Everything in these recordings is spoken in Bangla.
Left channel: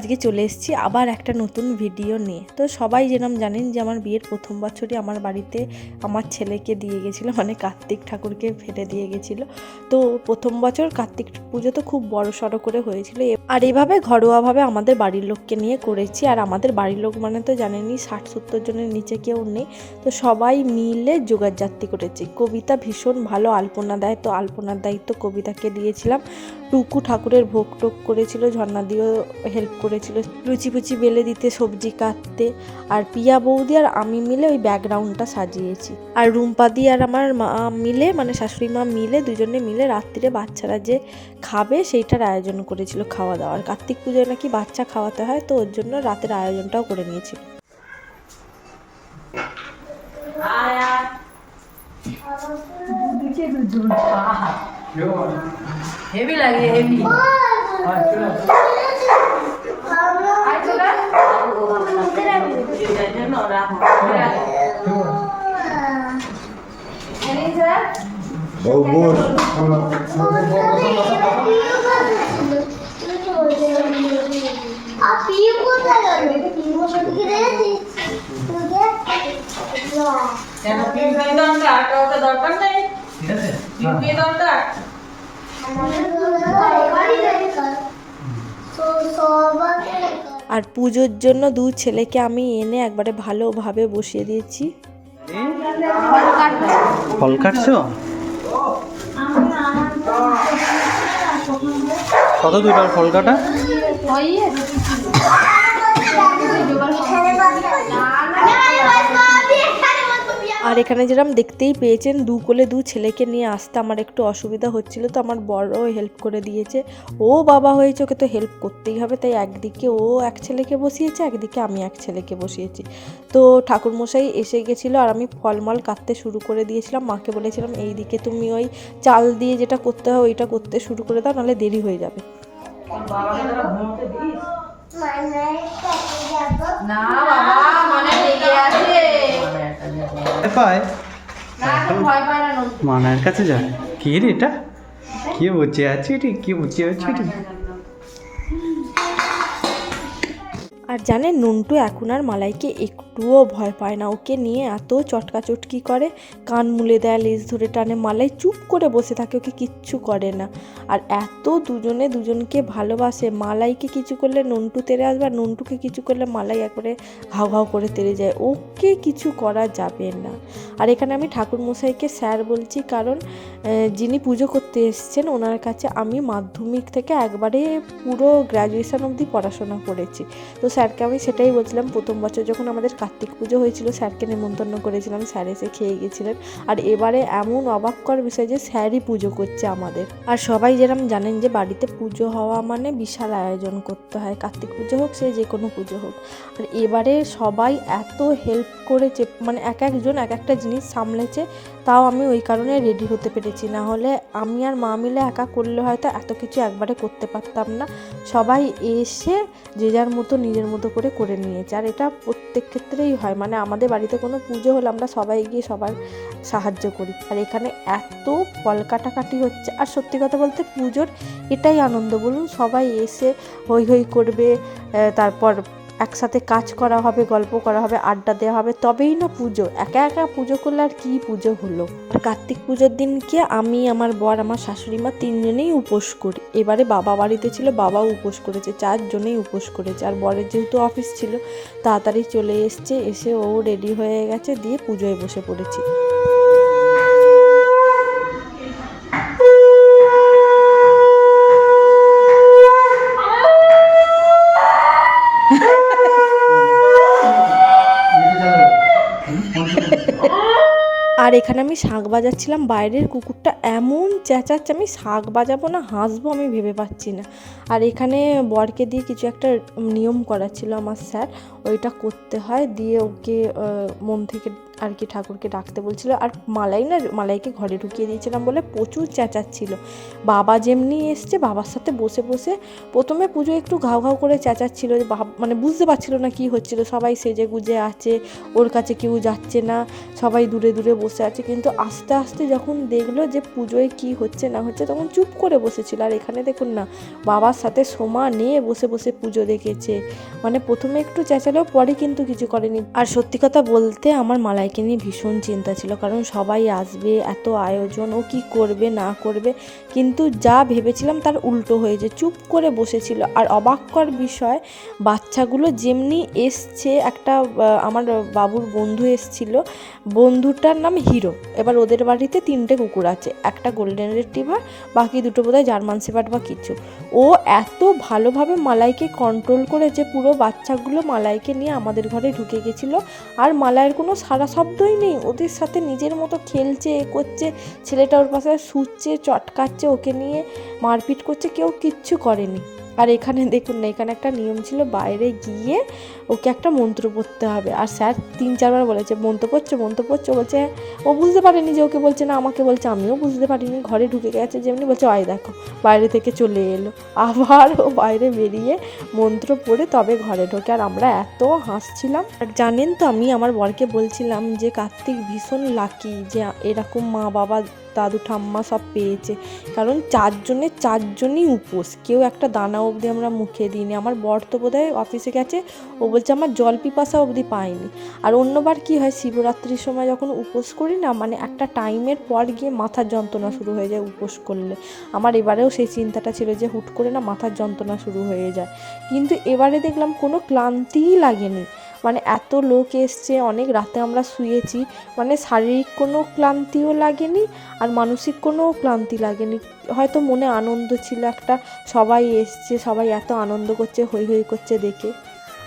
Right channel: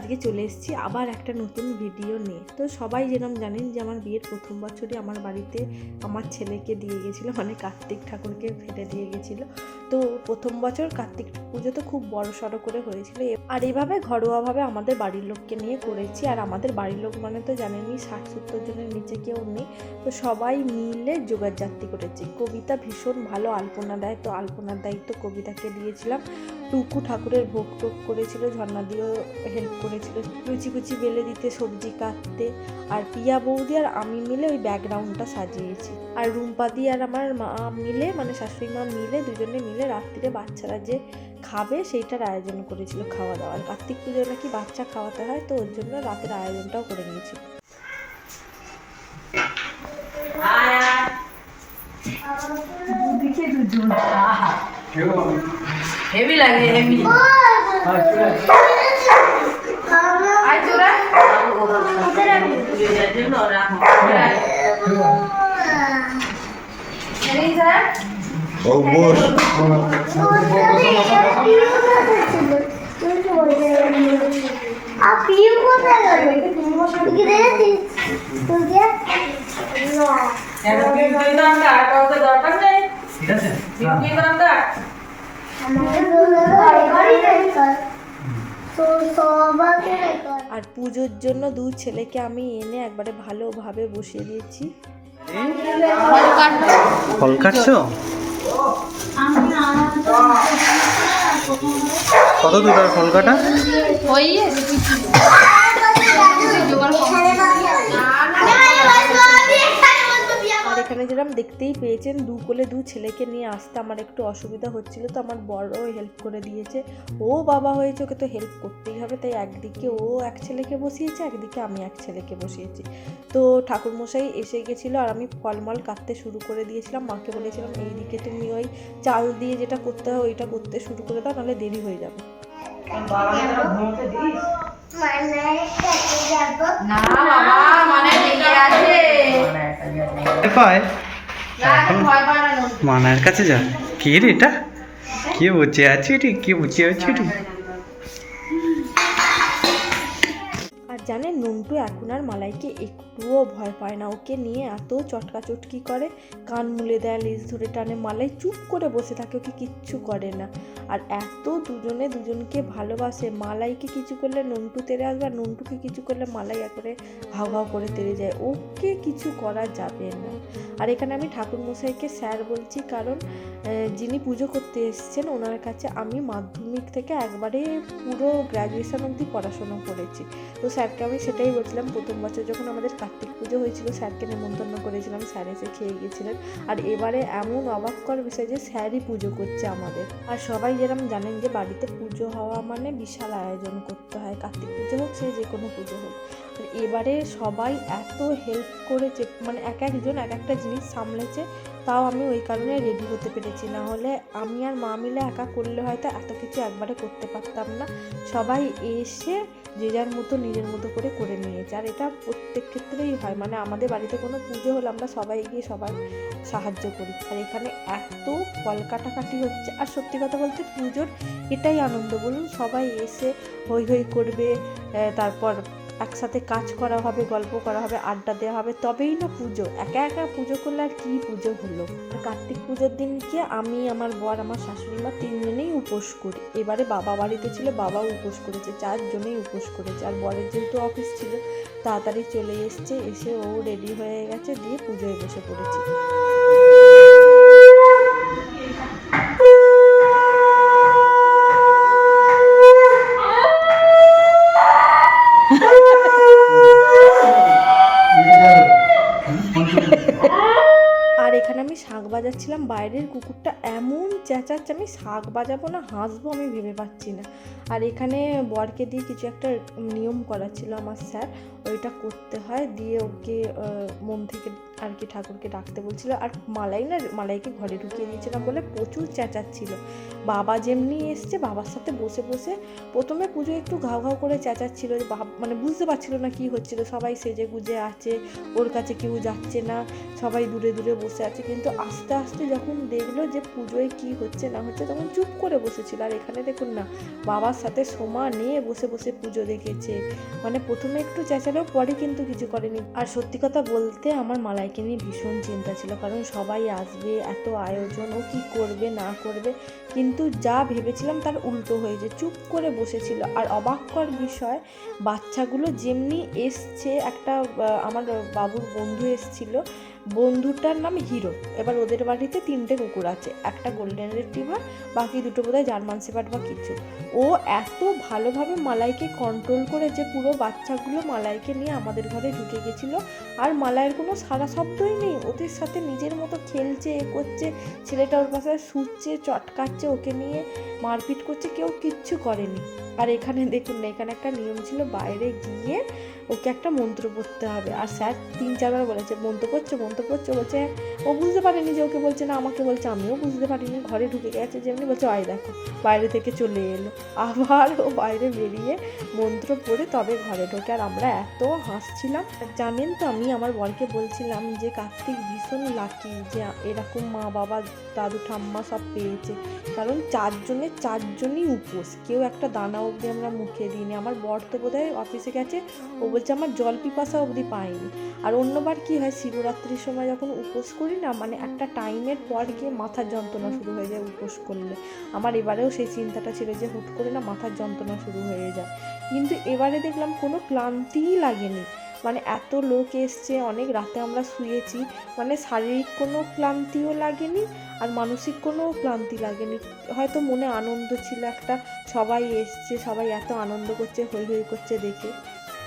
আজকে চলে এসেছি আবার একটা নতুন ভিডিও নিয়ে। তো সবাই যেরকম জানেন যে আমার বিয়ের প্রথম বছরই আমার বাড়িতে আমার ছেলেকে দিয়ে গেছিল মানে কার্তিক ঠাকুরকে ফেলে দিয়ে গেছিল। তো প্রথম বছর কার্তিক পুজো তো খুব বড় সড়ো করে হয়েছিল। আর এইভাবে ঘরোয়াভাবে আমাদের বাড়ির লোককে নিয়ে করেছি। আর আমাদের বাড়ির লোক মানে তো জানেনই, ষাট সত্তর জনের নিচে কেউ নেই। তো সবাই মিলে যোগাযাত্রী করেছি। কবিতা ভীষণ ভালো আলপনা দেয়, তো আলপনার দায়িত্ব কবিতাকে দিয়েছিলাম। টুকু ঠাকুরের ভোগ টোগ করেছিল ঝর্ণা দিয়েও হেল্প করেছিল। লুচি ফুচি বেলে দিতে সবজি কাটতে আর পিয়া বৌদি আর আমি মিলে ওই ব্যাকগ্রাউন্ডটা সাজিয়েছি। আর রুম্পাদি আর আমার মা মিলে মানে শাশুড়ি মা মিলে দুজনে মিলে রাত্রিরে বাচ্চারা যে খাবে সেইটার আয়োজন করেছিল খাওয়া দাওয়ার। কার্তিক পুজোয় নাকি বাচ্চা খাওয়াতে হয় তো ওর জন্য রাতের আয়োজনটাও করে নিয়েছিল হেভি লাগে হেভি Oh, boy. আপনিও কোথায় গেল? তুমি দরকার নেই। আর পুজোর জন্য দু ছেলেকে আমি এনে একবারে ভালোভাবে বসিয়ে দিয়েছি। ফল কাটছো? কত দুটার ফল কাটা? এখানে যেরকম দেখতেই পেয়েছেন, দু কোলে দু ছেলেকে নিয়ে আসতে আমার একটু অসুবিধা হচ্ছিল, তো আমার বড়ও হেল্প করে দিয়েছে। ও বাবা হয়েছে, ওকে তো হেল্প করতেই হবে, তাই একদিকে ও এক ছেলেকে বসিয়েছে, একদিকে আমি এক ছেলেকে বসিয়েছি। তো ঠাকুরমশাই এসে গেছিল আর আমি ফলমল কাটতে শুরু করে দিয়েছিলাম, মাকে বলেছিলাম এই দিকে তুমি ওই চাল দিয়ে যেটা করতে হয়, ওইটা করতে শুরু করে দাও, নাহলে দেরি হয়ে যাবে। না মানে মানার কাছে যা। কে রে এটা? কে বসে আছে রে? কে বুঝে আছে রে? আর জানে নুনটু এখন আর মালাইকে একটুও ভয় পায় না। ওকে নিয়ে এত চটকা চটকি করে, কান মুলে দেয়, লেজ ধরে টানে মালাই চুপ করে বসে থাকে, ওকে কিচ্ছু করে না। আর এত দুজনে দুজনকে ভালোবাসে, মালাইকে কিছু করলে নন্টু তেরে আসবে, আর নন্টুকে কিছু করলে মালাই একবারে ঘাউ ঘাউ করে তেরে যায়। ওকে কিছু করা যাবে না। আর এখানে আমি ঠাকুর মশাইকে স্যার বলছি, কারণ যিনি পুজো করতে এসেছেন, ওনার কাছে আমি মাধ্যমিক থেকে একবারে পুরো গ্র্যাজুয়েশন অবধি পড়াশোনা করেছি। তো স্যারকে আমি সেটাই বলছিলাম, প্রথম বছর যখন আমাদের কার্তিক পুজো হয়েছিল, স্যারকে নেমন্তন্ন করেছিলাম, স্যার এসে খেয়ে গেছিলেন। আর এবারে এমন অবাক করার বিষয় যে, স্যারই পুজো করছে আমাদের। আর সবাই যেরকম জানেন যে, বাড়িতে পুজো হওয়া মানে বিশাল আয়োজন করতে হয়। কার্তিক পুজো হোক, সে যে কোনো পুজো হোক। আর এবারে সবাই এত হেল্প করেছে মানে এক একজন এক একটা জিনিস সামলেছে, তাও আমি ওই কারণে রেডি হতে পেরেছি। না হলে আমি আর মা মিলে একা করলে হয়তো এত কিছু একবারে করতে পারতাম না। সবাই এসে যে যার মতো, নিজের মতো করে করে নিয়েছে। আর এটা প্রত্যেক ক্ষেত্রেই হয়। মানে আমাদের বাড়িতে কোনো পুজো হলে আমরা সবাই গিয়ে সবাই সাহায্য করি। আর এখানে এত ফল কাটাকাটি হচ্ছে। আর সত্যি কথা বলতে পুজোর এটাই আনন্দ। বলুন, সবাই এসে হই হই করবে তারপর একসাথে কাজ করা হবে, গল্প করা হবে, আড্ডা দেওয়া হবে, তবেই না পুজো। একা একা পুজো করলে আর কী পুজো হলো? কার্তিক পুজোর দিনকে আমি, আমার বর, আমার শাশুড়ি মা তিনজনেই উপোস করি। এবারে বাবা বাড়িতে ছিল, বাবাও উপোস করেছে, চারজনেই উপোস করেছে। আর বরের যেহেতু অফিস ছিল, তাড়াতাড়ি চলে এসছে, এসে ও রেডি হয়ে গেছে, দিয়ে পুজোয় বসে পড়েছি আর এখানে আমি শাঁখ বাজাচ্ছিলাম বাইরের কুকুরটা এমন চেঁচাচ্ছে, আমি শাঁখ বাজাবো না, হাসবো, আমি ভেবে পাচ্ছি না। আর এখানে বরকে দিয়ে কিছু একটা নিয়ম করা ছিল আমার স্যার, ওইটা করতে হয়, দিয়ে ওকে মন থেকে আর কি ঠাকুরকে ডাকতে বলছিল। আর মালাই না, মালাইকে ঘরে ঢুকিয়ে দিয়েছিলাম বলে প্রচুর চেঁচাচ্ছিল। বাবা যেমনি এসছে, বাবার সাথে বসে বসে প্রথমে পুজো একটু ঘাউ ঘাউ করে চেঁচাচ্ছিল, যে মানে বুঝতে পারছিল না কি হচ্ছিল, সবাই সেজে গুজে আছে, ওর কাছে কেউ যাচ্ছে না, সবাই দূরে দূরে বসে আছে। কিন্তু আস্তে আস্তে যখন দেখল যে পুজোয় কি হচ্ছে না হচ্ছে তখন চুপ করে বসেছিল। আর এখানে দেখুন না, বাবার সাথে সোমা নিয়ে বসে বসে পুজো দেখেছে। মানে প্রথমে একটু চেঁচালেও পরে কিন্তু কিছু করেনি। আর সত্যি কথা বলতে আমার মালাইকে নিয়ে ভীষণ চিন্তা ছিল, কারণ সবাই আসবে, এত আয়োজন, ও কি করবে, না করবে। কিন্তু যা ভেবেছিলাম তার উল্টো হয়েছে চুপ করে বসেছিল। আর অবাক্যর বিষয়, বাচ্চাগুলো যেমনি এসছে, একটা আমার বাবুর বন্ধু এসছিল বন্ধুটার নাম হিরো। এবার ওদের বাড়িতে তিনটে কুকুর আছে, একটা গোল্ডেন রিট্রিভার বাকি দুটো বোধহয় জার্মান সেপার্ড বা কিছু। ও এত ভালোভাবে মালাইকে কন্ট্রোল করে যে পুরো বাচ্চাগুলো মালাইকে নিয়ে আমাদের ঘরে ঢুকে গেছিল, আর মালাইয়ের কোনো সারা শব্দই নেই। ওদের সাথে নিজের মতো খেলছে, এ করছে, ছেলেটা ওর পাশে শুচ্ছে, চটকাচ্ছে, ওকে নিয়ে মারপিট করছে, কেউ কিচ্ছু করেনি। আর এখানে দেখুন না, এখানে একটা নিয়ম ছিল বাইরে গিয়ে ওকে একটা মন্ত্র পড়তে হবে। আর স্যার তিন চারবার বলেছে, মন্ত্র পড়ছে মন্ত্র পড়ছে, বলছে, ও বুঝতে পারেনি যে ওকে বলছে না, আমাকে বলছে, আমিও বুঝতে পারিনি, ঘরে ঢুকে গেছে যেমনি বলছে আয় দেখো, বাইরে থেকে চলে এলো। আবার ও বাইরে বেরিয়ে মন্ত্র পড়ে তবে ঘরে ঢোকে। আর আমরা এত হাসছিলাম। আর জানেন তো আমি আমার বরকে বলছিলাম যে, কার্তিক ভীষণ লাকি যে, এরকম মা বাবা, দাদু, ঠাম্মা সব পেয়েছে। কারণ চারজনের চারজনই উপোস। কেউ একটা দানা অবধি আমরা মুখে দিইনি। আমার বর তো বোধহয় অফিসে গেছে, ও বলছে, আমার জল পিপাসা অবধি পাইনি। আর অন্যবার কি হয়, শিবরাত্রির সময় যখন উপোস করি না মানে একটা টাইমের পর গিয়ে মাথার যন্ত্রণা শুরু হয়ে যায় উপোস করলে। আমার এবারেও সেই চিন্তাটা ছিল যে, হুট করে না মাথার যন্ত্রণা শুরু হয়ে যায়। কিন্তু এবারে দেখলাম কোনো ক্লান্তিই লাগেনি। মানে এত লোক এসছে, অনেক রাতে আমরা শুয়েছি মানে শারীরিক কোনো ক্লান্তিও লাগেনি আর মানসিক কোনো ক্লান্তি লাগেনি। হয়তো মনে আনন্দ ছিল একটা, সবাই এসছে, সবাই এত আনন্দ করছে, হৈ হৈ করছে দেখে।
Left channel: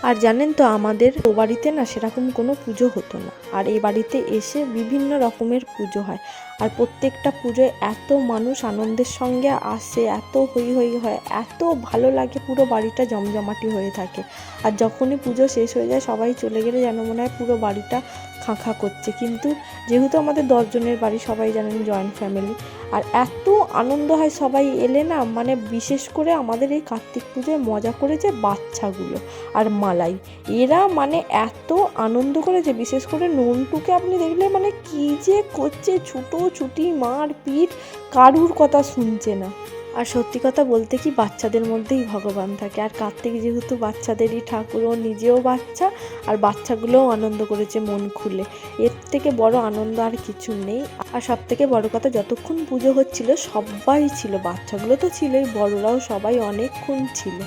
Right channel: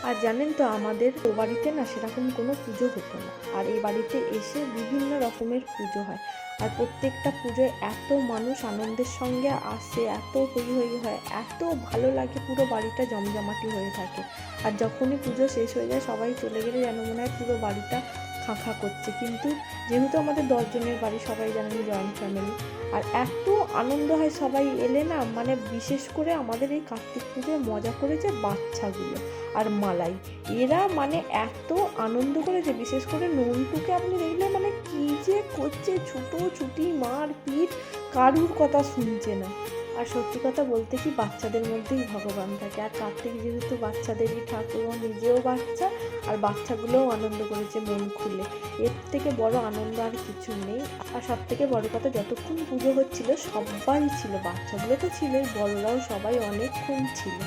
আর জানেন তো, আমাদের ও বাড়িতে না সেরকম কোনো পুজো হতো না। আর এই বাড়িতে এসে বিভিন্ন রকমের পুজো হয়। আর প্রত্যেকটা পুজোয় এত মানুষ আনন্দের সঙ্গে আসে, এত হই হই হয়, এত ভালো লাগে পুরো বাড়িটা জমজমাটি হয়ে থাকে। আর যখনই পুজো শেষ হয়ে যায়, সবাই চলে গেলে যেন মনে হয় পুরো বাড়িটা খাঁখা করছে। কিন্তু যেহেতু আমাদের দশজনের বাড়ি সবাই জানেন জয়েন্ট ফ্যামিলি আর এত আনন্দ হয় সবাই এলে না মানে বিশেষ করে আমাদের এই কার্তিক পুজোয় মজা করেছে বাচ্চাগুলো আর মালাই। এরা মানে এত আনন্দ করেছে, বিশেষ করে নন্টুকে আপনি দেখলে মানে কি যে করছে ছুটো ছুটি মার পিট কারুর কথা শুনছে না। আর সত্যি কথা বলতে কি বাচ্চাদের মধ্যেই ভগবান থাকে। আর কার্তিক যেহেতু বাচ্চাদেরই ঠাকুর, ও নিজেও বাচ্চা আর বাচ্চাগুলোও আনন্দ করেছে মন খুলে। এর থেকে বড় আনন্দ আর কিছু নেই। আর সব থেকে বড় কথা, যতক্ষণ পুজো হচ্ছিল সবাই ছিল, বাচ্চাগুলো তো ছিলই, বড়রাও সবাই অনেকক্ষণ ছিল।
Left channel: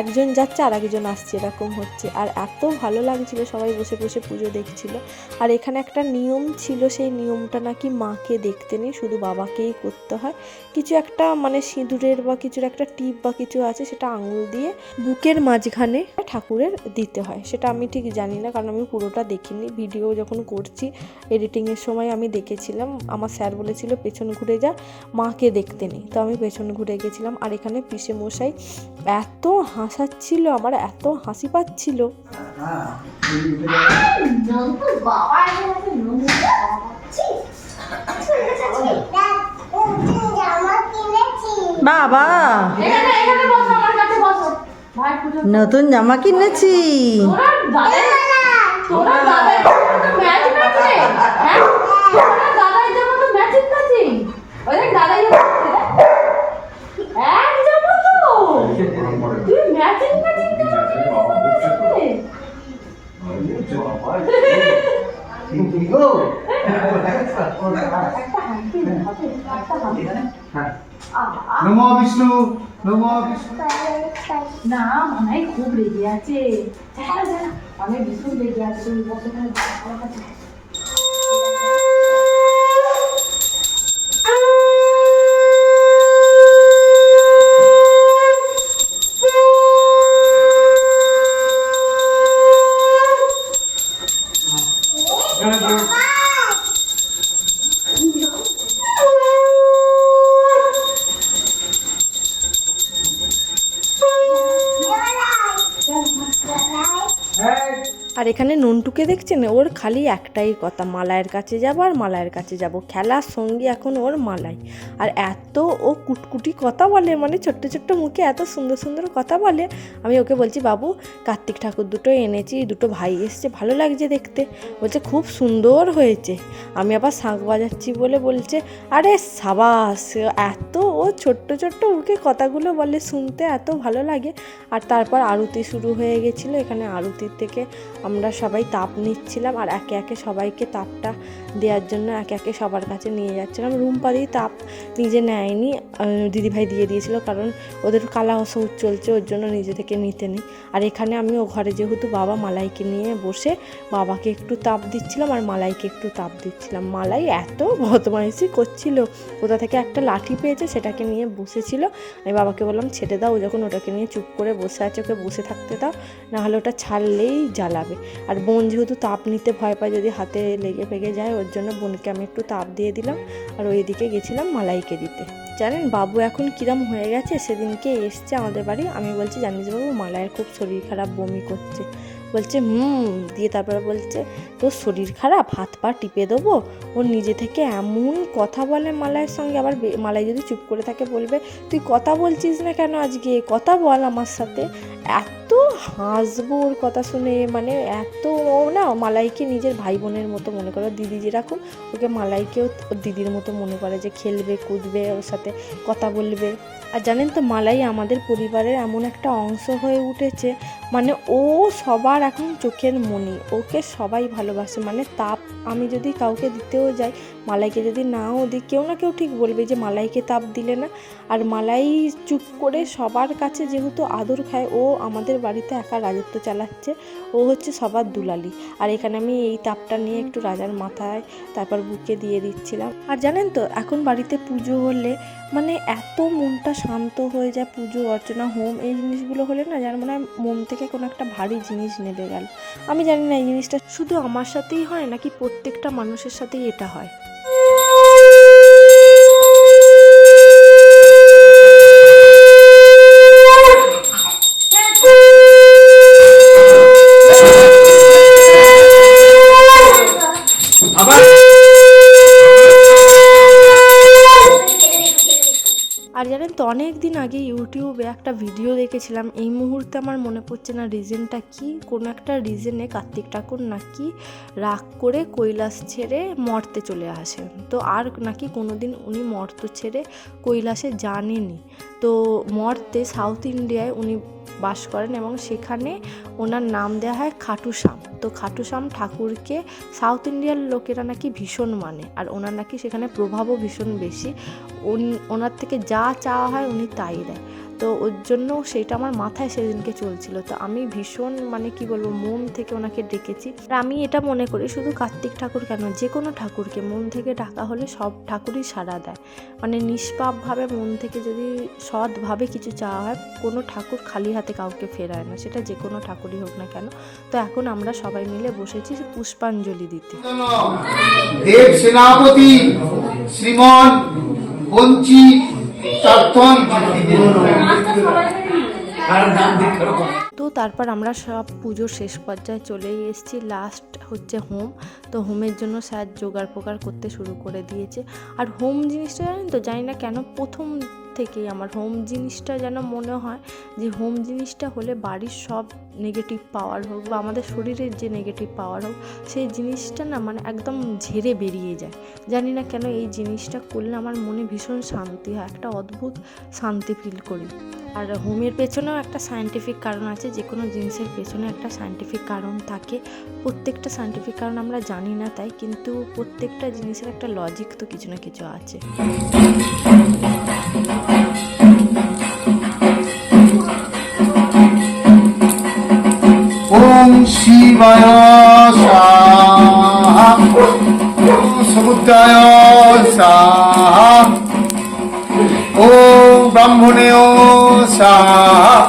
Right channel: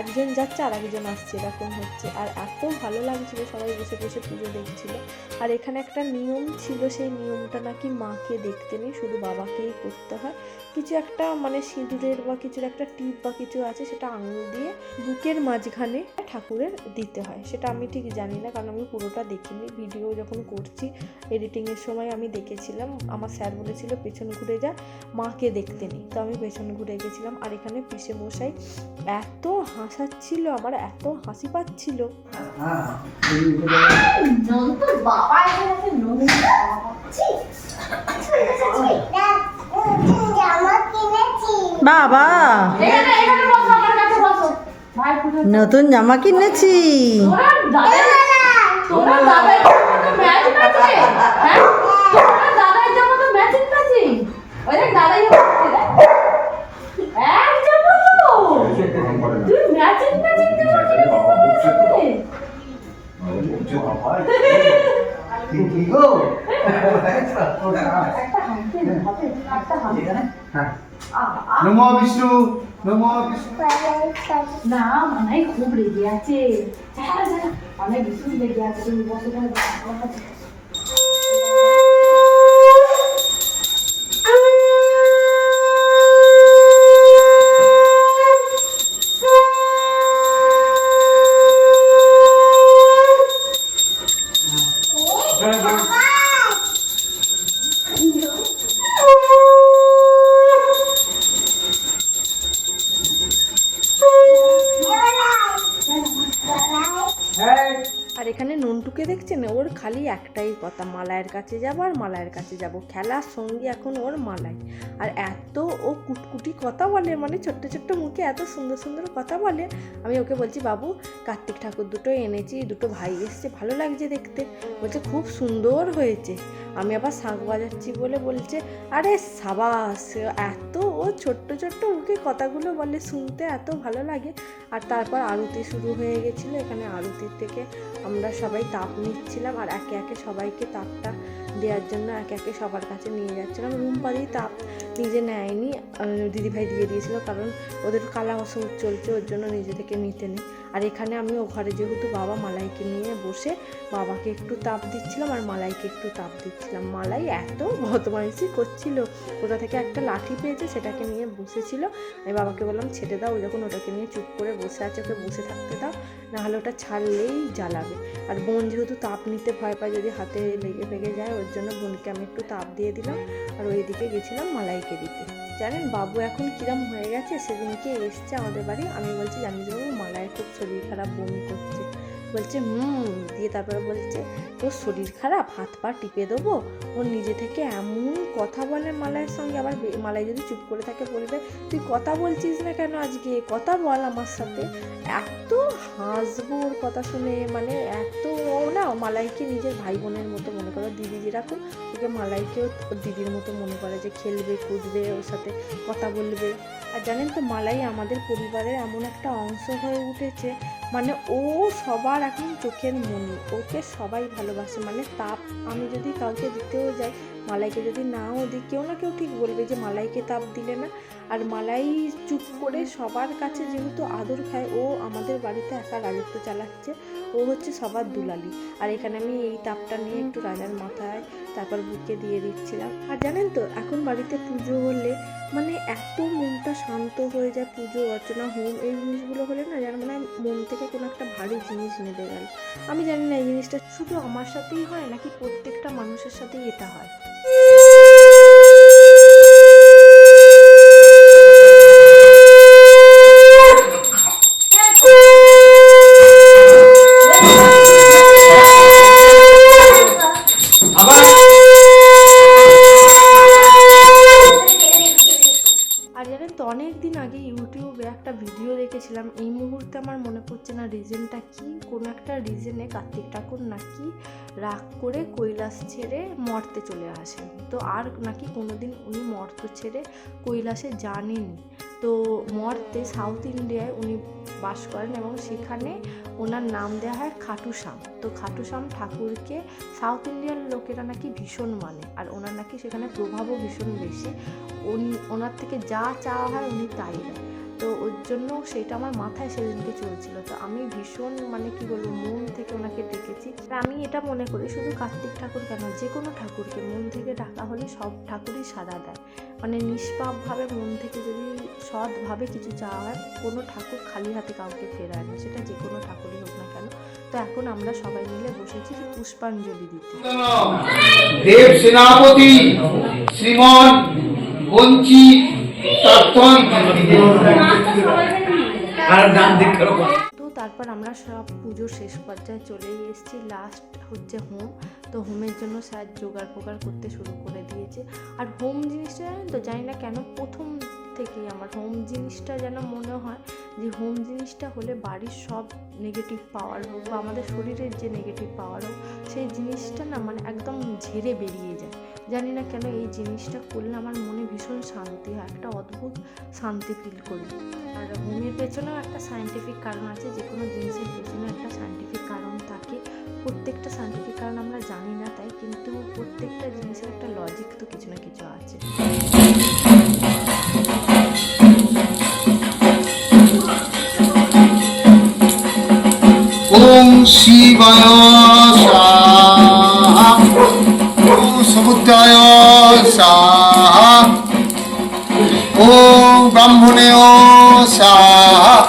একজন যাচ্ছে আর একজন আসছে, এরকম হচ্ছে। আর এত ভালো লাগছিল, সবাই বসে বসে পুজো দেখছিল। আর এখানে একটা নিয়ম ছিল, সেই নিয়মটা নাকি মাকে দেখতে নেই, শুধু বাবাকেই করতে হয়। কিছু একটা মানে সিঁদুরের বা কিছুর একটা টিপ বা কিছু আছে, সেটা আঙুল দিয়ে বুকের মাঝখানে ঠাকুরের দিতে হয়। সেটা আমি ঠিক জানি না, কারণ আমি পুরোটা দেখিনি। ভিডিও যখন করছি এডিটিংয়ের সময় আমি দেখেছিলাম। আমার স্যার বলেছিল, পেছন ঘুরে যা, মাকে দেখতে নেই তো আমি পেছন ঘুরে গেছিলাম, আর এখানে পিসে মশাই এত হাসাচ্ছিল, আমার এত হাসি পাচ্ছিল। বাবা এসে গেছে নন্তু জামা কিনেছি বাবা। নতুন জামা কিনেছি। ম্যাচ ম্যাচ হ্যাঁ। নমো বিষ্ণু নমো বিষ্ণু। না মানাই খুব রেগে আছে। হ্যাঁ হ্যাঁ অনেক ভীষণ রেগে আছে। বসে নন্টুকে দেখছেন, ওর খালি একটাই কথা মালায়ের কাছে যাব আর মালায়ের কাছে যাব। খেলার সঙ্গী এখন ওর মালাই। আর এত ও কুটকুটি কথা বলে মানে ছোট্ট ছোট্ট মুখে এত সুন্দর সুন্দর কথা বলে, আমি ওকে বলছি, বাবু, কার্তিক ঠাকুর দুটো এনেছি, দুটো ভাই এসছে, ভালো লাগছে দেখতে। বলছে, খুব সুন্দর হয়েছে। আমি আবার শাঁখ বাজাচ্ছি বলে বলছে, আরে সাবাস, এত ও ছোট্ট ছোট্ট মুখে কথাগুলো বলে শুনতে এত ভালো লাগে। আর তারপর আরতি শুরু হয়ে গেছিল, এখানে আরতির থেকে আমরা সবাই তাপ নিচ্ছিলাম আর একে একে সবাইকে তাপটা দেওয়ার জন্য একে একে সবার কাছে নিয়ে যাচ্ছিলাম। রুম পাড়েই তাপ নিজে নেয়নি দিদিভাই দিয়ে দিয়েছিল কারণ ওদের কালা ওষুধ চলছে, ওর জন্য নিজে থেকে নিতে নেই। আর এখানে আমি ও ঘরে যেহেতু বাবা মালাইকে নিয়ে বসে বাবাকে একটু তাপ দিচ্ছিলাম আর মালাইকে একটু তাপ দিচ্ছিলাম। মালাই এত বদমাইশি করছিল। কোথা থেকে একটা লাঠি পেয়েছে, সেটাকে নিয়ে বসেছিল। আমি বাবাকে বললাম, ছেড়ে দাও যখন ওটাকে নিয়ে চুপ করে বসে আছে, ওকে বসে থাকতে দাও নাহলে ওটা ছাড়লেই জ্বালাবে। আর বোন যেহেতু তাপ নিতে ভয় পায়, যদি হাতে লেগে ফেগে যায়, ওর জন্য বোনকে আমি একটু তাপ দিয়ে দিলাম। আর ওইদিকে গেছিলাম মালাইকে দিতে। জানেন, বাবু এখন কিরম হয়ে গেছে, সেদিনকে এসছে আমাদের বাড়ি। আমি বলছি, জানিস বাবু, মালাইয়ের খুব শরীর খারাপ, বমি করছে। বলছে, হুম। দিয়ে তারপরে বলছে, তোর শরীর খারাপ, হাত পা টিপে দেবো? ও নিজে থেকে এমন কথা বলে মালাইয়ের সঙ্গে। আবার মালাই যদি চুপ করে থাকে বলবে, তুই কথা বলছিস না কেন আজকে? কথা বল আমার সাথে। এত হাসবো ওর কথা শুনে মানে এত ও না মালাইকে নিজের ভাই বোনের মতো মনে করে দিদি যেরকম ওকে মালাইকেও ওর দিদির মতো মনে করে যে খেলবে, কুদবে, ওর সাথে কথা বলবে। আর জানেন তো, মালাই আমাদের পরিবারের এমন একটা অংশ হয়ে উঠেছে মানে ও সবার এখন চোখের মনি। ওকে সবাই ভালোবাসে। মানে তাপ আমি যদি কাউকে দিতেও যাই, মালাইকে যদি নাও দিই, কেউ না কেউ ঠিক বলবে যে মালাইকে তাপ দিলে না। আর মালাই চুপ করে সবার কাছে যেহেতু আদর খায়, ও আমাদের বাড়িতে একা রাজত্ব চালাচ্ছে। ও হচ্ছে সবার দুলালি। আর এখানে আমি এই তাপটা নিয়ে একটু রাজার মাথায় তারপর বুকে দিয়ে দিচ্ছিলাম। আর জানেন তো, এখন বাড়িতে পুজো হলে মানে এত মনটা শান্ত হয়ে যায় পুজো, অর্চনা, হোম, এই জিনিসগুলো হলে না যার মানে মন থেকে কোনো একটা ভারী জিনিস নেবে গেল। আমি জানি না এই জিনিসটা শুধু আমার সাথেই হয় নাকি প্রত্যেকটা মানুষের সাথেই এটা হয়? দেখেছিলাম এই মুহূর্তে আমার মনে পড়ছে না রিজনটা কি? কোনো একটা রিজনে কার্তিক ঠাকুর নাকি রাগ করে কৈলাস ছেড়ে মর্তে চলে আসেন। তো আর নাকি কোনো দিন উনি মর্ত ছেড়ে কৈলাসে জানেনি তো মর্তে সাউথ ইন্ডিয়ায় উনি বাস করেন এবং সেখানে ওনার নাম দেওয়া হয় খাটুশ্যাম। তো খাটুশ্যাম ঠাকুরকে সাউথ ইন্ডিয়ার লোকেরা নাকি ভীষণ মানে আর ওনার নাকি সেখানে প্রভাবও ভীষণ বেশি। ওনার থেকে যা চাওয়া হয় উনি তাই দেয়। তো ওর জন্য সেটা আমার মাথায় সেদিনকে চলছিল। তো আমি ভীষণ মানে কি বলব, মন থেকে ওনাকে ডেকেছি। আর আমি এটা মনে করি, শুধু কার্তিক ঠাকুর কেন যে কোনো ঠাকুরকে মন থেকে ডাকা হলে সব ঠাকুরই সাড়া দেয়। মানে নিষ্পাপভাবে মন থেকে যদি সৎভাবে কিছু চাওয়া হয়, কোনো ঠাকুর খালি হাতে কাউকে ফেরায় না, সেটা যে কোনো ঠাকুরই হোক না কেন। তো এখন আমরা সবাই মিলে বসেছি পুষ্পাঞ্জলি দিতে। দেব সেনাপতি শ্রীমন বঞ্চি তর্থন তো তারপর আমরা সব পুজোর শেষ পর্যায়ে চলে এসেছি। লাস্ট হচ্ছে হোম। তো হোমের জন্য স্যার জোগাড় পোগাড় করতে শুরু করে দিয়েছে। আর হোম জিনিসটা জানেন তো জানি না কেন প্রথম থেকেই আমার হোম জিনিসটা যেন মনে হয় যে হোম জিনিসটা হলে বাড়ির সব নেগেটিভ পাওয়ার হোক বা আমাদের শরীরের যে নেগেটিভ পাওয়ার হোক, সেই জিনিসটা না মানে একদম ঝেড়ে বেরিয়ে যায়। জানি না কেন এই জিনিসটা করলে আমার মনে ভীষণ শান্তি হয়, একটা অদ্ভুত শান্তি ফিল করি। আর হোমের পেছনেও একটা সায়েন্টিফিক কারণ আছে, যে কোনো জিনিসের পেছনে একটা সায়েন্টিফিক কারণ থাকে। প্রত্যেকটা সায়েন্টিফিক কারণ আমরা জানি না তাই, কিন্তু প্রত্যেকটা জিনিসের একটা লজিক তো কিছু না কিছু আছে। 서북다여사. 서북다여사. 오 반문의 오사.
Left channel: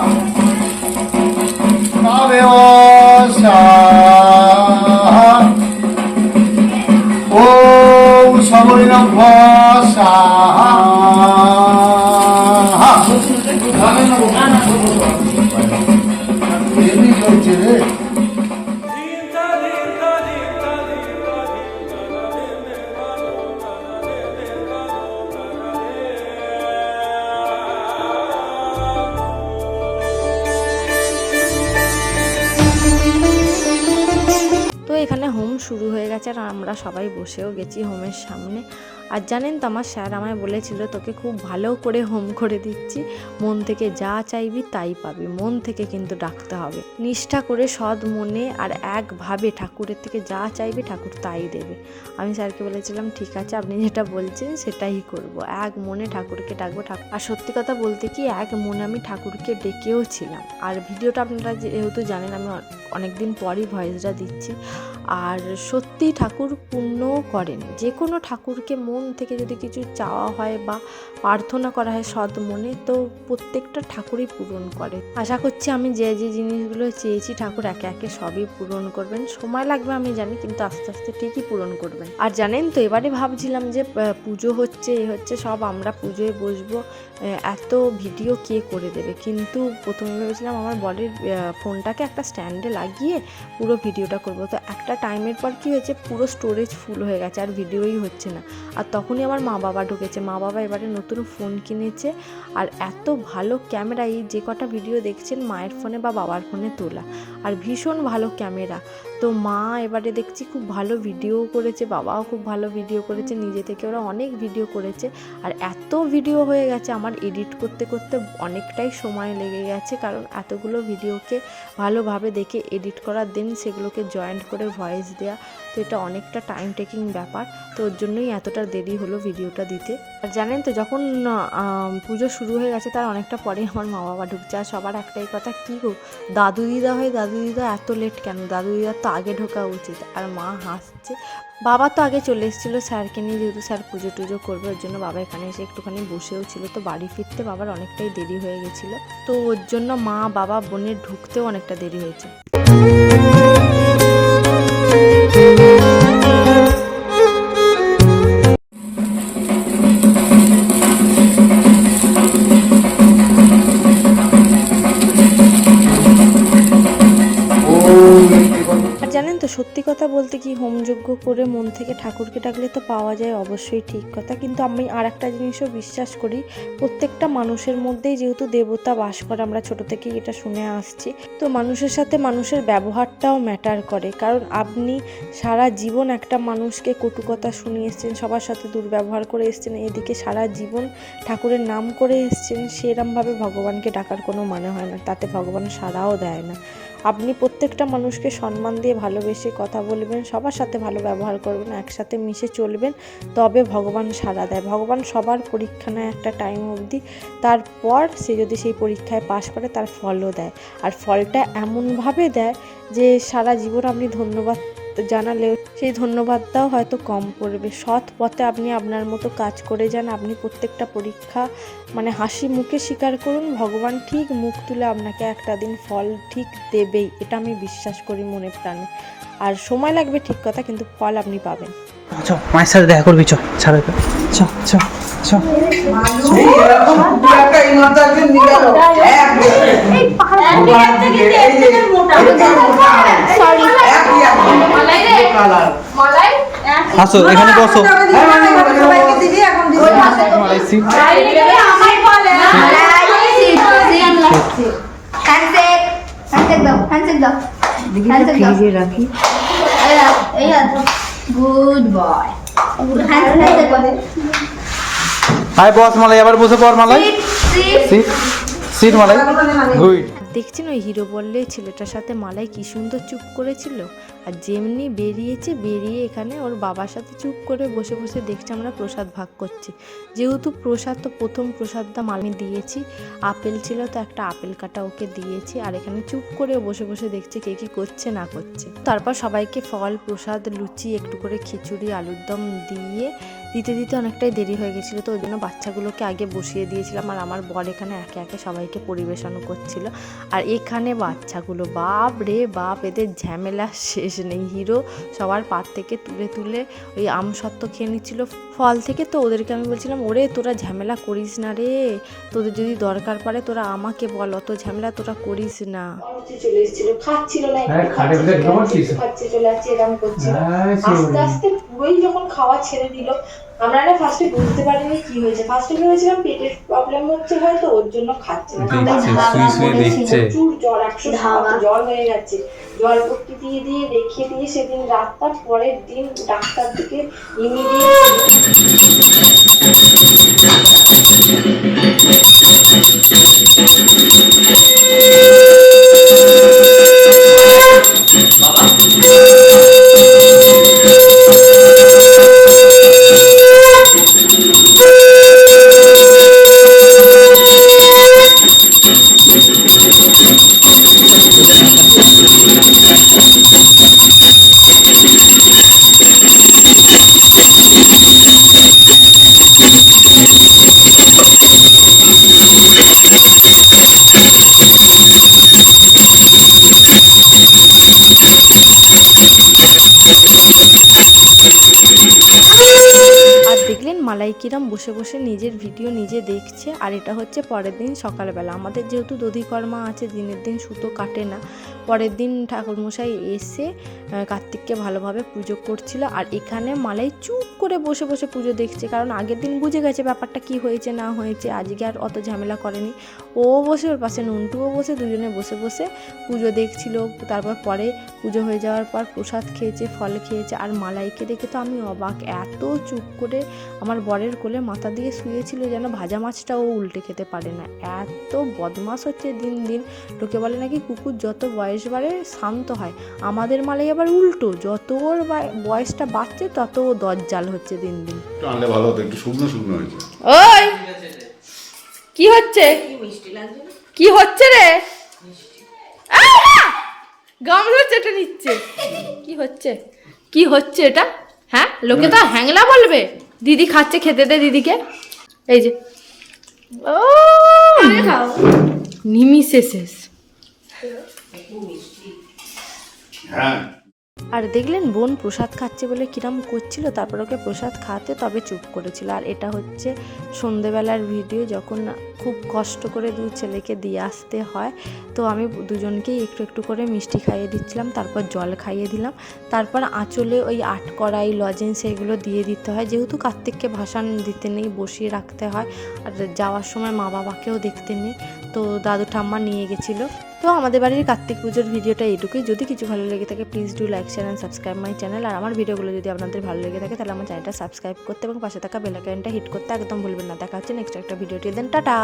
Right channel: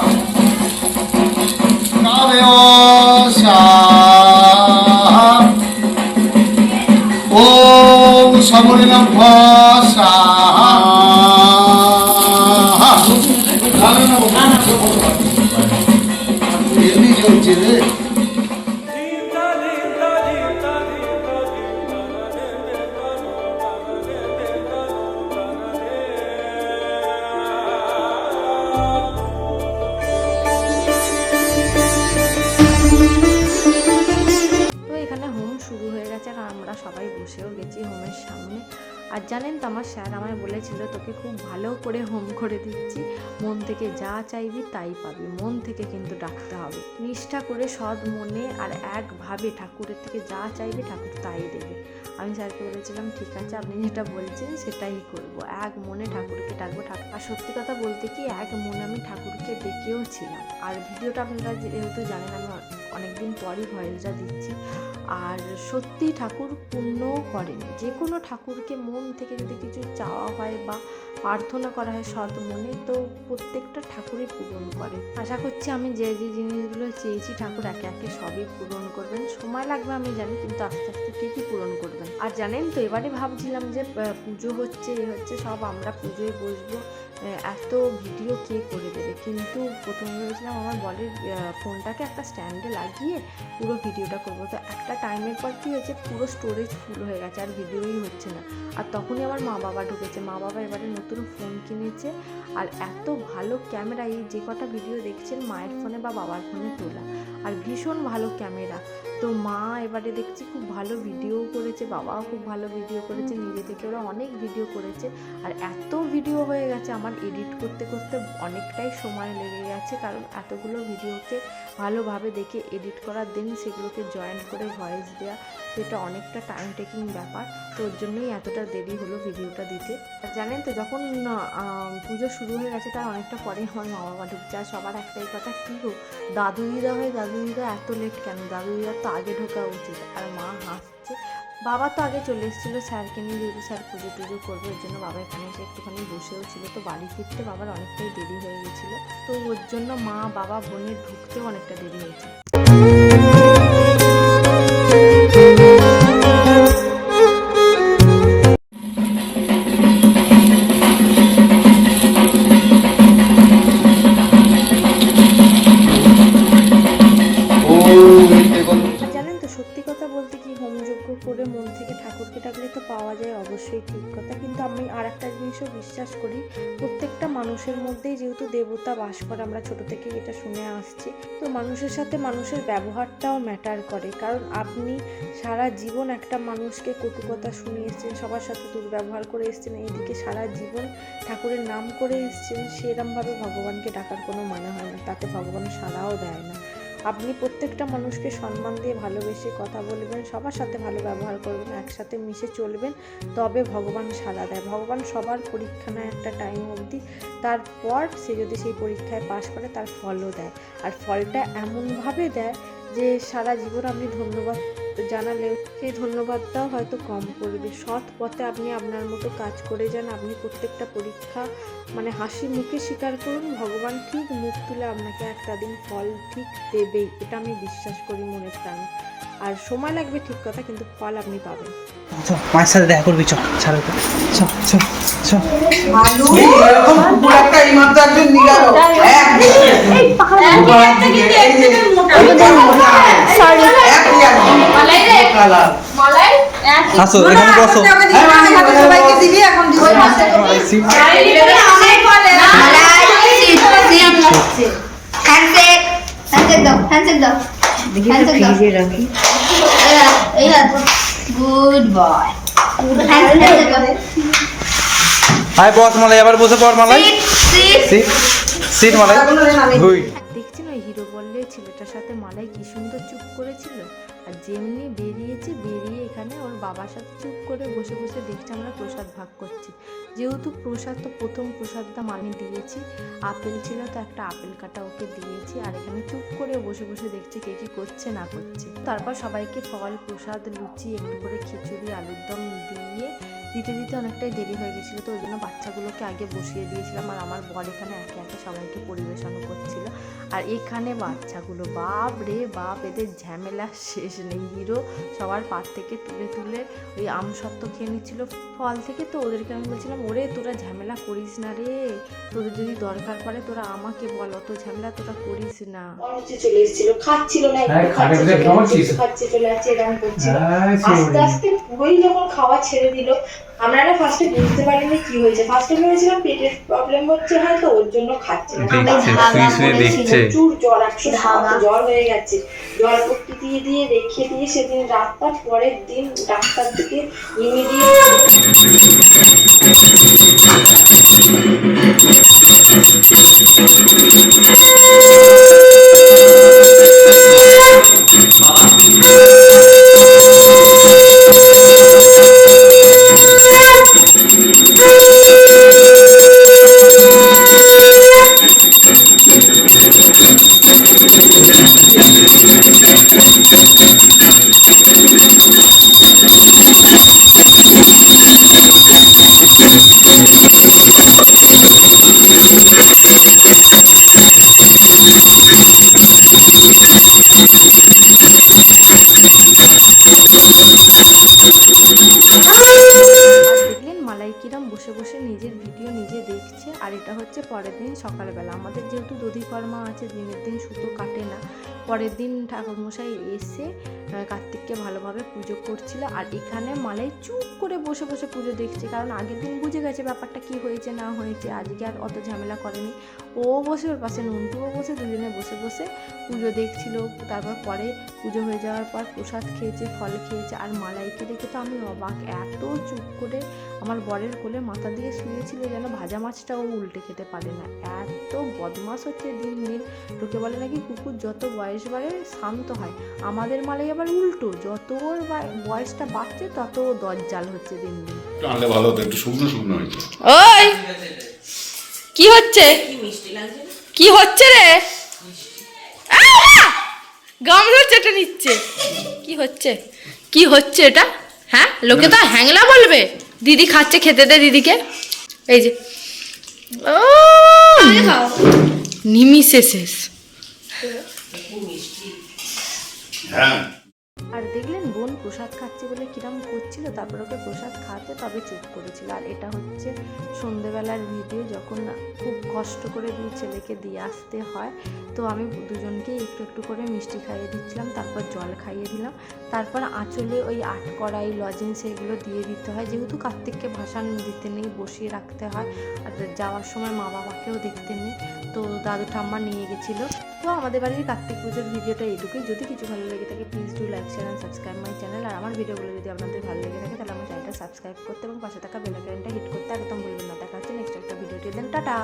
আমরা সবাই বসেও গেছি হোমের সামনে। আর জানেন তো আমার স্যার আমায় বলেছিল, তোকে খুব ভালো করে হোম করে দিচ্ছি। মন থেকে যা চাইবি তাই পাবি। মন থেকে কিন্তু ডাকতে হবে। নিষ্ঠা করে সৎ মনে আর একভাবে ঠাকুরের থেকে যা চাইবি ঠাকুর তাই দেবে। আমি স্যারকে বলেছিলাম, ঠিক আছে, আপনি যেটা বলছেন সেটাই করব। এক মনে ঠাকুরকে ডাকবো ঠাকুর আর সত্যি কথা বলতে কি, এক মনে আমি ঠাকুরকে ডেকেও ছিলাম। আর ভিডিওটা আপনারা যেহেতু জানেন, আমি অনেকদিন পরই ভয়েসটা দিচ্ছি। আর সত্যি ঠাকুর পুণ্যও করেন। যে কোনো ঠাকুরকে মন থেকে যদি কিছু চাওয়া হয় বা প্রার্থনা করা হয় সৎ মনে, তো প্রত্যেকটা ঠাকুরই পূরণ করে। আশা করছি আমি যে যে জিনিসগুলো চেয়েছি ঠাকুর একে একে সবই পূরণ করবেন। সময় লাগবে আমি জানি, কিন্তু আস্তে আস্তে ঠিকই পূরণ করবেন? আর জানেন তো, এবারে ভাবছিলাম যে পুজো হচ্ছে, এ হচ্ছে, সব আমরা পুজোয় বসবো। এত ভিডিও কে করে দেবে? কিন্তু প্রথমে ভেবেছিলাম আমার বডির ফোনটাকে একটা স্ট্যান্ডে লাগিয়ে পুরো ভিডিওটা করব। তো একটা টাইমের পর কী হয়েছে? পুরো স্টোরেজ ফুল হয়ে গেছে, আর ভিডিওই হচ্ছে না। আর তখনই আমার মা বাবা ঢুকেছে। মা বাবা এবারে নতুন ফোন কিনেছে, আর এত ভালো ক্যামেরা এই যে কটা ভিডিও দেখছেন মায়ের ফোনে বা বাবার ফোনে তোলা। আর ভীষণ ভালো ক্যামেরা তো মা এবারে দেখছি খুব ভালো ভিডিও করেছে, বাবাও খুব ভালো ভিডিও করেছে, নিজে থেকে ওরা অনেক ভিডিও করেছে। আর এত ভিডিও হয়ে গেছে, আমার এডিট করতে করতে অনেকটাই সময় লেগে গেছে, কারণ এতগুলো ভিডিওকে ভালোভাবে দেখে এডিট করার দিন সেগুলোকে জয়েন্ট করে ভয়েস দেওয়া তো এটা অনেকটা টাইম টেকিং ব্যাপার। তো ওর জন্যই এতটা দেরি হলো ভিডিওটা দিতে। আর জানেন তো, যখন পুজো শুরু হয়ে গেছে, তার অনেকটা পরে আমার মা বাবা ঢুকছে। আর সবার একটাই কথা, কী গো দাদু দিদা হয় দাদু দিদা এত লেট কেন? দাদু দিদার তো আগে ঢোকা উচিত। আর মা হাসছে। বাবা তো আগে চলে এসেছিল স্যারকে নিয়ে, যেহেতু স্যার পুজো টুজো করবে, ওর জন্য বাবা এখানে এসে একটুখানি বসেও ছিল। তো বাড়ি ফিরতে বাবার অনেকটাই দেরি হয়ে গেছিল। তো ওর জন্য মা, বাবা, বোনের ঢুকতেও অনেকটা দেরি হয়েছে। আর বিশ্বাস করি। প্রত্যেকটা মানুষের মধ্যেই যেহেতু দেবতা বাস করে, আমরা ছোট থেকেই এটা শুনে আসছি। তো মানুষের সাথে মানুষের ব্যবহারটাও ম্যাটার করে। কারণ আপনি সারা জীবন একটা মানুষকে কটু কথা শুনিয়ে এসছেন, সবার সাথে দুর্ব্যবহার করে এসছেন, এদিকে সারা জীবন ঠাকুরের নাম করে এসছেন, সেরমভাবে ভগবানকে ডাকার কোনো মানে হয় না। তাতে ভগবান সাড়াও দেয় না। আপনি প্রত্যেকটা মানুষকে সম্মান দিয়ে ভালোবেসে কথা বলবেন, সবার সাথে ভালো ব্যবহার করবেন, একসাথে মিশে চলবেন, তবে ভগবান সাড়া দেয়। ভগবান সবার পরীক্ষা নেয় একটা টাইম অবধি, তারপর সে যদি সেই পরীক্ষায় পাশ করে, তার ফলও দেয়। আর ফলটা এমনভাবে দেয় যে সারা জীবন আপনি ধন্যবাদ জানালেও সেই ধন্যবাদটাও হয়তো কম পড়বে। সৎ পথে আপনি আপনার মতো কাজ করে যান আপনি প্রত্যেকটা পরীক্ষা মানে হাসি মুখে স্বীকার করুন ভগবান ঠিক মুখ তুলে আপনাকে একটা দিন ফল ঠিক দেবেই এটা আমি বিশ্বাস করি মনে প্রাণে। আর সময় লাগবে ঠিক কথা কিন্তু ফল আপনি পাবেন। চ মায়ের সাথে দেখা করবি চ ছাড়ো তো চ চ চ। আসো এখানে বসো। হাই বস মালাই আবার বসে পড় Malai. Sit sit. Sit sit Malai. Good দেখছেন ওই হিরো বললে ছেলেটার সাথে মালাই কি সুন্দর চুপ করেছিল। আর যেমনি বেরিয়েছে, বেরিয়ে এখানে ওর বাবার সাথে চুপ করে বসে বসে দেখছে আমরা প্রসাদ ভাগ করছি। যেহেতু প্রসাদ তো প্রথম প্রসাদটা আমি দিয়েছি, আপেল ছিল তো একটা আপেল কাটা ওকে দিয়েছি আর এখানে চুপ করে বসে বসে দেখছে কে কী করছে, না করছে। তারপর সবাইকে ফল, প্রসাদ, লুচি, একটু করে খিচুড়ি আলুর দম দিয়ে দিতে দিতে অনেকটাই দেরি হয়ে গেছিল তো ওই জন্য বাচ্চাগুলোকে আগে বসিয়ে দিয়েছিলাম। আর আমার বর এখানে একে একে সবাইকে পরিবেশন করছিল। আর এখানে বাচ্চাগুলো বাপ রে বাপ এদের ঝামেলা শেষ নেই। হিরো সবার পাত থেকে তুলে তুলে ওই আম সত্ত্ব খেয়ে নিচ্ছিল ফল থেকে। তো ওদেরকে আমি বলছিলাম ওরে তোরা ঝামেলা করিস না রে। তোদের যদি দরকার পড়ে তোরা আমাকে বল অত ঝামেলা তোরা করিস না। চলে এসেছিল খাচ্ছিল না হ্যাঁ? খাচ্ছে চলে এরকম করছিল। আস্তে আস্তে পুরোই যখন খাওয়া ছেড়ে দিল আমরা না ফার্স্টে বুঝতে পারিনি কি হয়েছে। ফার্স্টে ভেবেছিলাম পেটের প্রবলেম হচ্ছে হয়তো ওর জন্য খাচ্ছে না। দেখছে শুয়ে শুয়ে দেখছে। প্রচুর জ্বর একশো সাত জ্বর হয়ে গেছে। জল পট্টি দিয়ে দিয়ে রেখে দিয়ে সেদিন রাতটা পরের দিন ডাক্তার থেকে ইমিডিয়েট হচ্ছে পরের দিন সকালবেলা। আমাদের যেহেতু দধিকর্মা আছে, দিনের দিন সুতো কাটে না। পরের দিন ঠাকুরমশাই এসে কার্তিককে ভালোভাবে পুজো করছিল। আর এখানে মালাই চুপ করে বসে বসে পুজো দেখছে, কারণ আগের দিন বুঝে গেছে ব্যাপারটা কি হয়েছে, না হয়েছে, আজকে আর অত ঝামেলা করেনি। ও বসে ওর পাশে, নন্টুও বসে, দুজনে বসে বসে পুজো দেখছিল। তারপর পরে পুজো হয়ে যাওয়ার পর প্রসাদ খেয়েছে, ফল খেয়েছে, আর মালাইকে দেখে তো আমি অবাক। এত চুপ করে আমার বরের কোলে মাথা দিয়ে শুয়েছিল যেন ভাজা মাছটাও উল্টে খেতে পারে না। এত বদমাস হচ্ছে দিন দিন। লোকে বলে নাকি কুকুর যত বয়স বাড়ে শান্ত হয়। আমাদের মালাই আবার উল্টো, যত ওর বয়সটা বাড়ছে তত ও দজ্জাল হচ্ছে দিন দিন। একটু ভালো হতো একটু শুকনো শুকনো হয়েছে। ওই! কি হচ্ছে? কি হচ্ছে রে? গামছা চেটে নিচ্ছে। কি হচ্ছে? কি হচ্ছে এটা? হ্যাঁ? লোকে তো হ্যাংলা বলবে। দিদি খাচ্ছে খেতে দে দিদিকে। এই যে। ও নিমিষে শেষ। হ্যাঁ। আর দেখলেন বোন প্রসাদ খাচ্ছে বলে কিরম করছিল, তারপর ওকে প্রসাদ খাওয়াতে তবে চুপ করেছিল। আর এটা হচ্ছে সন্ধেবেলার ভিডিও, যখন খুব কষ্ট করে দুই ছেলেকে দিয়ে আসতে হয়, তো আমি দুজনকেই একটু একটু করে মিষ্টি খাইয়ে দিচ্ছিলাম, তারপর জল খাইয়ে দিলাম। তারপর আঁচলে ওই আট কড়াই, লজেন্স এগুলো দিয়ে দিতে হয়। যেহেতু কার্তিককে ভাসান দিতে নেই, বসিয়ে রাখতে হয়, আর যাওয়ার সময় মা বাবাকেও দেখতে নেই, তো দাদু ঠাম্মা নিয়ে গেছিল। তো আমাদের বাড়ির কার্তিক পুজোর ভিডিওটা এটুকুই যদি কিছু ভালো লেগে থাকে please do like share and subscribe my channel আর আমার ভিডিওগুলো যদি আপনাদের ভালো লেগে থাকে, তাহলে আমার চ্যানেলটা সাবস্ক্রাইব করতে এবং পাশে থাকা বেলাইকনটা হিট করতে একদম ভুলবেন না। দেখা হচ্ছে নেক্সট একটা ভিডিওটি দেন টাটা